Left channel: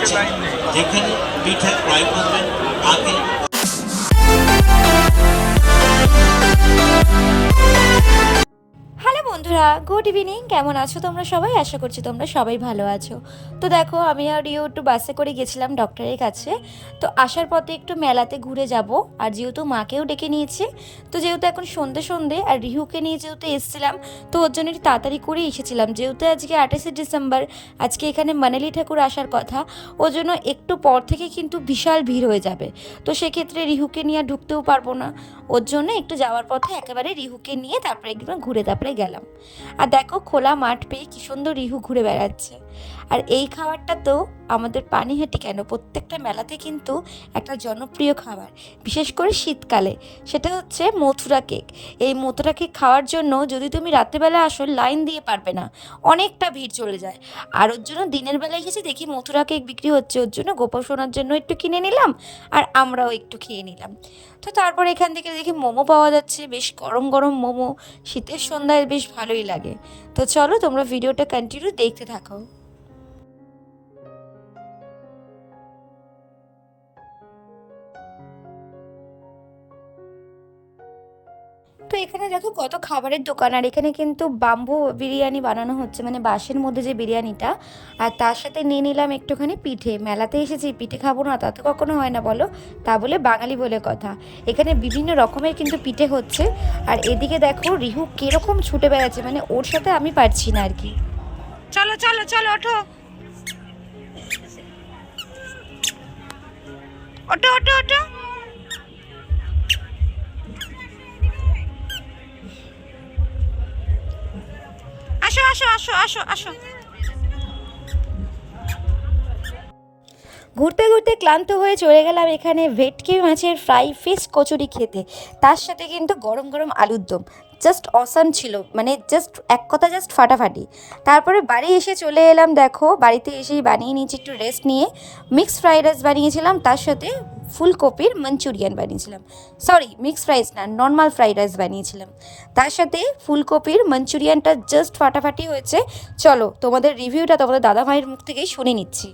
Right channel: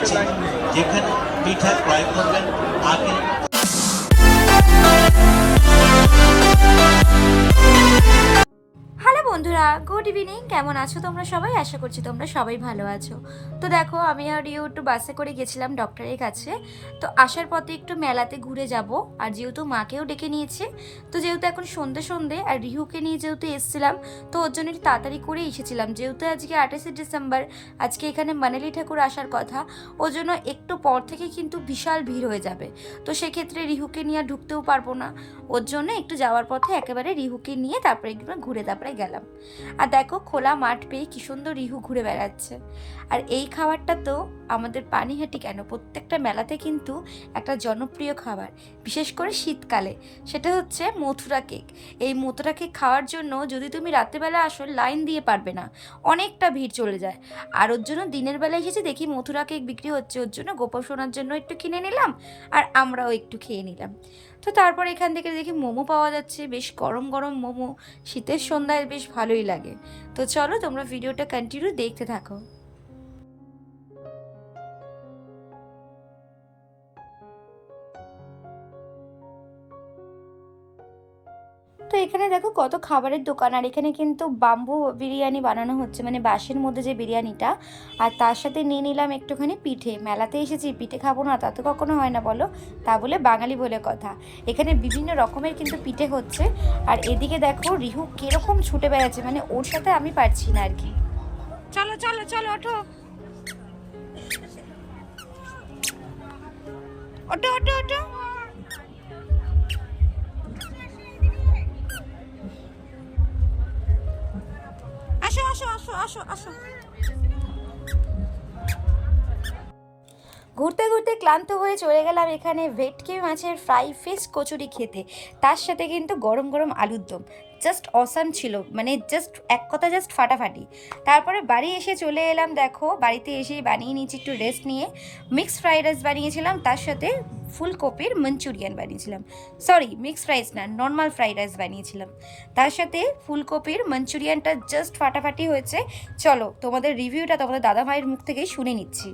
রয়েছে, যেখানে পিঠা ক্রয় করবেন আগে। হ্যালো বন্ধুরা, গুড ইভিনিং। কেমন আছো তোমরা সবাই? আশা করছি তোমরা সবাই ভালো আছো। তো দেখো, আমি আর রিও একটু বাসে করে গেছিলাম ডক্টরের কাছে। তো আসার পথে একটু মেলাতে ঘুরে যাব, আর যেহেতু মাকেও ডেকে নিয়েছে, তো যেহেতু এখন সন্ধে সন্ধে আর রিহুকে নিয়ে যেহেতু এসেছিলাম, তো ওর জন্য একটু তাড়াতাড়ি করে এসেছিলাম। যেহেতু আজকে 28শে ডিসেম্বর, আজকে এখানে মানালি ঠাকুর আসার কথা, ওর জন্য একটু পর থেকে কিন্তু বিশাল ভিড় হয়ে যাবে। তো সেক্ষেত্রে রিহুকে নিয়ে ঢুকতেও পারবো না, ওর জন্য একটু যাওয়ার পথে একেবারে রিহুকে নিয়ে তারপরে একদম ঘুরে তারপরে গেলাম। আর দেখো, খোলা মাঠ পেয়ে কি সুন্দর রিহু ঘুরে বেড়াচ্ছে। আর এই খাবারটা তো আমাদের পানিহাটি কেন, প্রত্যেকটা মেলাতে কিন্তু একটা জনপ্রিয় খাবার, বিশেষ করে শীতকালে, সেটা হচ্ছে মথুরা কেক। এই মথুরা কেক খাওয়ার জন্য যদি তুমি রাত্রেবেলা আসো, লাইন দিয়ে পারবে না, অনেকটা ভিড় চলে যায়। আর ওর জন্য দিনের বেলা এসেছি, দেখি মথুরা কেক বিক্রি হচ্ছে, ওর জন্য গোপাল সোনার জন্য একটু কিনে নিলাম, আর আমরাও একটু খেয়ে নিলাম। তো তারপর এখান থেকে দেখি মোমো পাওয়া যাচ্ছে, বেশ গরম গরম মোমো, শীতের সন্ধ্যায় বেশ ভালোই লাগে। তো চলো, তোমরা ভিডিওটা কন্টিনিউ দেখতে থাকো। তো এখানে দেখো কত খাবারের দোকান, আর এখানে কিন্তু বাম্বু বিরিয়ানি বানানো হচ্ছে, মানে বাঁশের মধ্যে যে বিরিয়ানিটা। আর তার সাথে নিয়ে নিলাম একটুখানি পিঠে। মেলাতে এসেছি, পিঠে খাবো না তা তো কখনো হয় না বলো, তা বলে বাঙালি বলে কথা। এখানে বিভিন্ন রকমের কিন্তু পিঠে হচ্ছে। আর এদিকে দেখো রিহু কিরকম ছুটে বেড়াচ্ছে, মানে ওর সাথে আমি পারছি না আর কি। চলো চলো চলো, ওঠো ওঠো ওঠো ওঠো। আসো আসো আসো আসো আসো। ঘুরতে ঘুরতে ক্লান্ত হয়ে চলে গেলাম এখানে ভেটকি মাছের ফ্রাই ফিশ কচুরি খেতে, তার সাথে কিন্তু গরম গরম আলুর দম। জাস্ট অসাম ছিল, মানে জাস্ট এক কথা জাস্ট ফাটাফাটি। তারপরে বাড়ি এসে চলে এলাম, দেখো বাড়িতে এসেই বানিয়ে নিয়েছি একটু রেস্ট নিয়ে। মিক্সড ফ্রাইড রাইস বানিয়েছিলাম, তার সাথে ফুলকপির মাঞ্চুরিয়ান বানিয়েছিলাম। সরি, মিক্সড রাইস না, নর্মাল ফ্রাইড রাইস বানিয়েছিলাম। তার সাথে ফুলকপির মাঞ্চুরিয়ানটা জাস্ট ফাটাফাটি হয়েছে। চলো তোমাদের রিভিউটা তোমাদের দাদা ভাইয়ের মুখ থেকেই শুনে নিচ্ছি।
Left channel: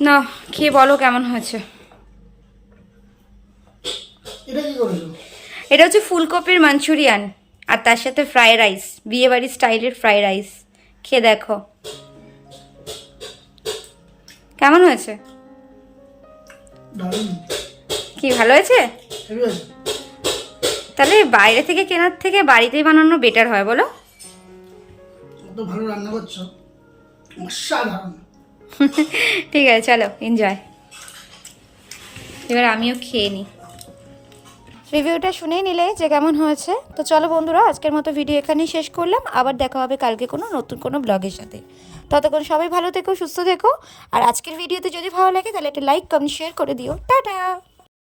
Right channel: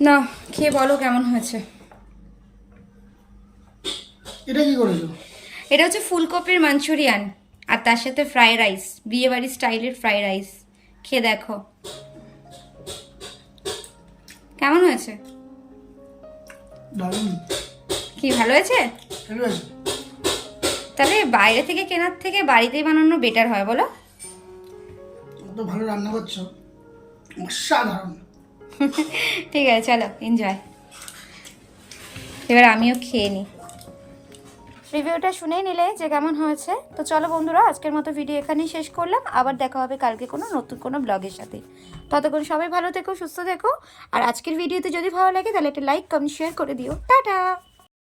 না, খেয়ে বলো কেমন হয়েছে। এটা কি করেছো? এটা হচ্ছে ফুলকপির মাঞ্চুরিয়ান, আর তার সাথে ফ্রাইড রাইস, বিয়েবাড়ির স্টাইলের ফ্রাইড রাইস। খেয়ে দেখো কেমন হয়েছে। দারুণ। কি ভালো হয়েছে? হেভি হয়েছে। তাহলে বাইরে থেকে কেনার থেকে বাড়িতেই বানানো বেটার হয় বলো। তো ভালো রান্না করছো, অসাধারণ। ঠিক আছে, চলো এনজয়। এবার আমিও খেয়ে নিই। রিভিউটা শুনেই নিলে যে কেমন হয়েছে। তো চলো বন্ধুরা, আজকের মতো ভিডিও এখানেই শেষ করলাম। আবার দেখা হবে কালকে কোনো নতুন কোনো ব্লগের সাথে। ততক্ষণ সবাই ভালো থেকো, সুস্থ থেকো। আর আজকের ভিডিওতে যদি ভালো লাগে তাহলে একটা লাইক কমেন্ট শেয়ার করে দিও। টাটা।